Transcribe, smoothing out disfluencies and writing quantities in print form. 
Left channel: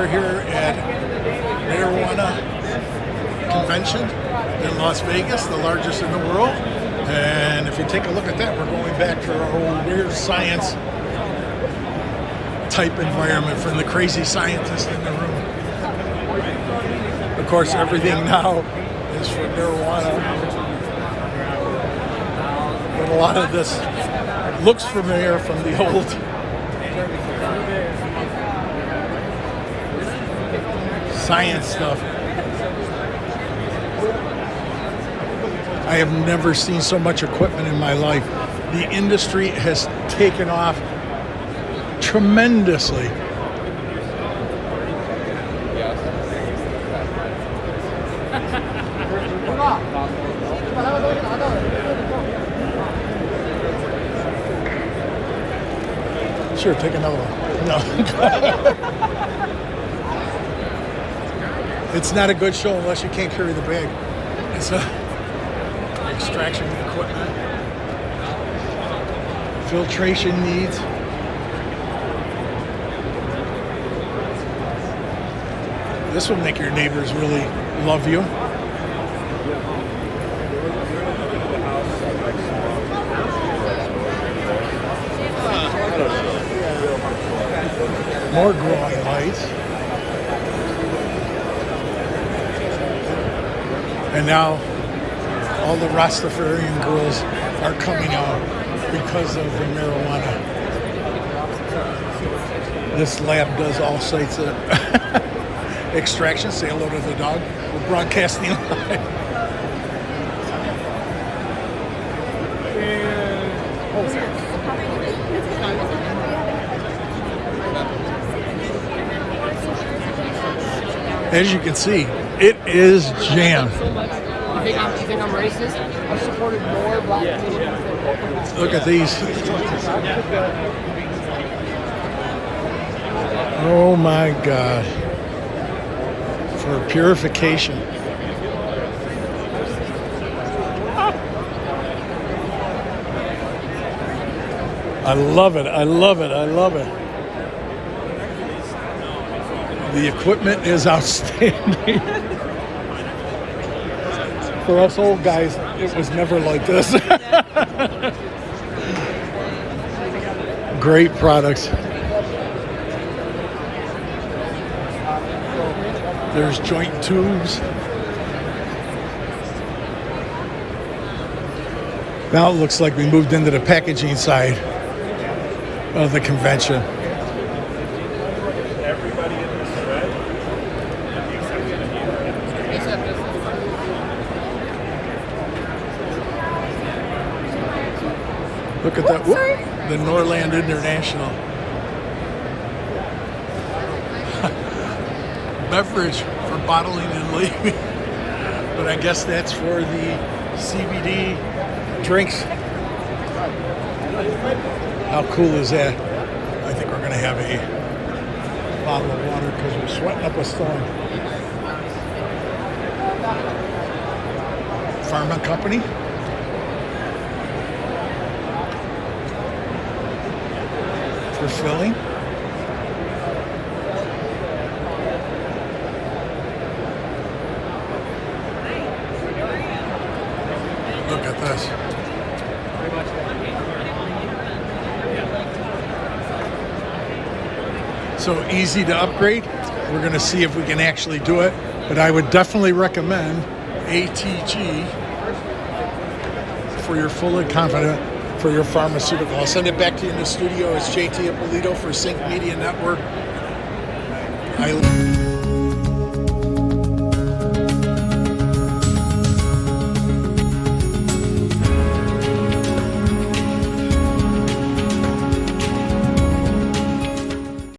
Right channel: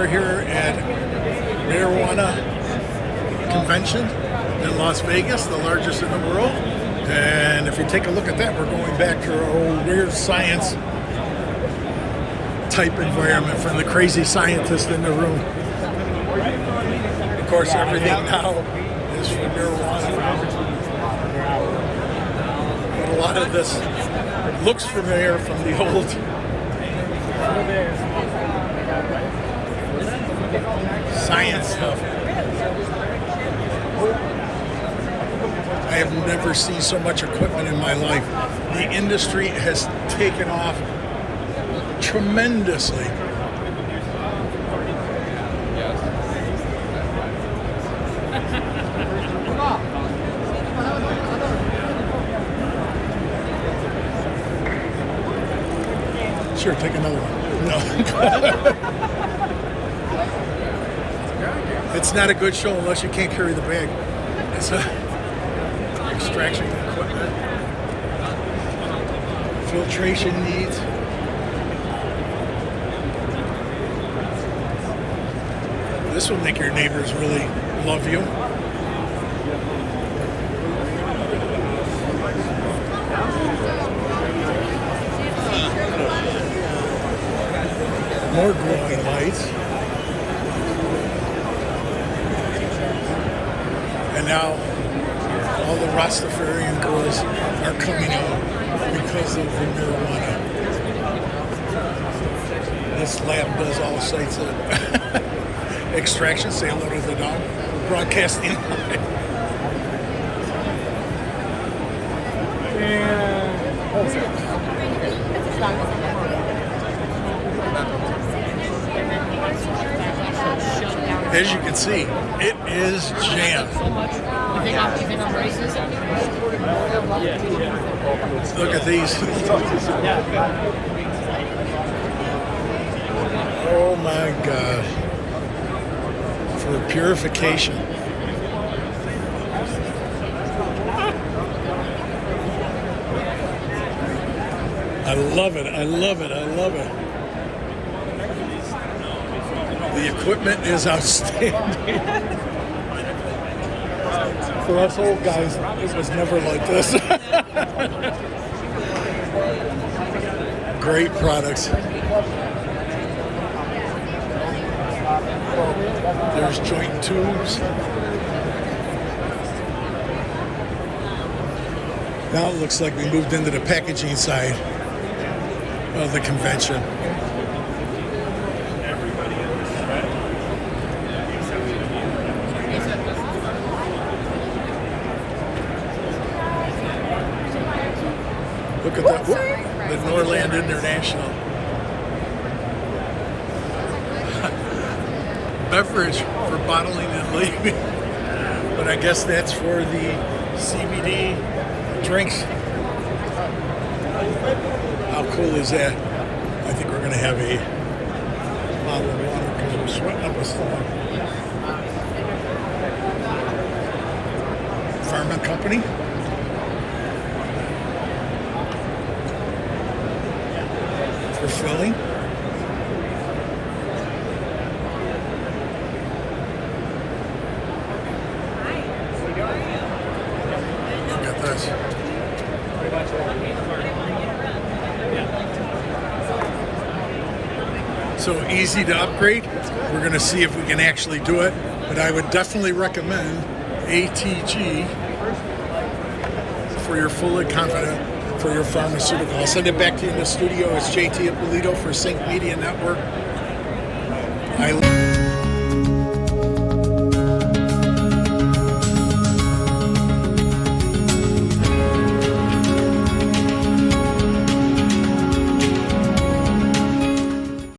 We're here at Marijuana Convention in Las Vegas, the largest in the world. And if you take a look at that, we're going back to our old weird science type environment from the crazy scientist in the room. Of course, everything now is for marijuana. But a lot of this looks familiar from the old science stuff. I have never seen so much equipment in my life. The industry has taken off tremendously. Sure, take another one. No. It's not a good show unless you can't carry the bag. It's extraction equipment, filtration needs. This will make your neighbors really love you. More growing lights. And now all the Rastafarian girls are coming out because of the marijuana. This lab does all sorts of extraction. Say hello to the dog. Broadcasting live. As you can see, it is jammed. You think I'm racist? Look at these. Oh my God. For purification. I love it. I love it. I love it. The equipment is outstanding. For us old guys, it was never like this. Great products. There's joint tubes. Now it looks like we moved into the packaging side of the convention. Look at that, the Norland International. Beverage for bottling and leaving. But I guess that's for the CBD drinks. How cool is that? I think we're going to have a bottle of water because we're sweating up a storm. Pharma company. For filling. Look at this. So easy to upgrade. We're going to see if we can actually do it, but I would definitely recommend ATG for your full and confident for your pharmaceutical. I'll send it back to you in the studio. It's JT Ippolito for Sync Media Network.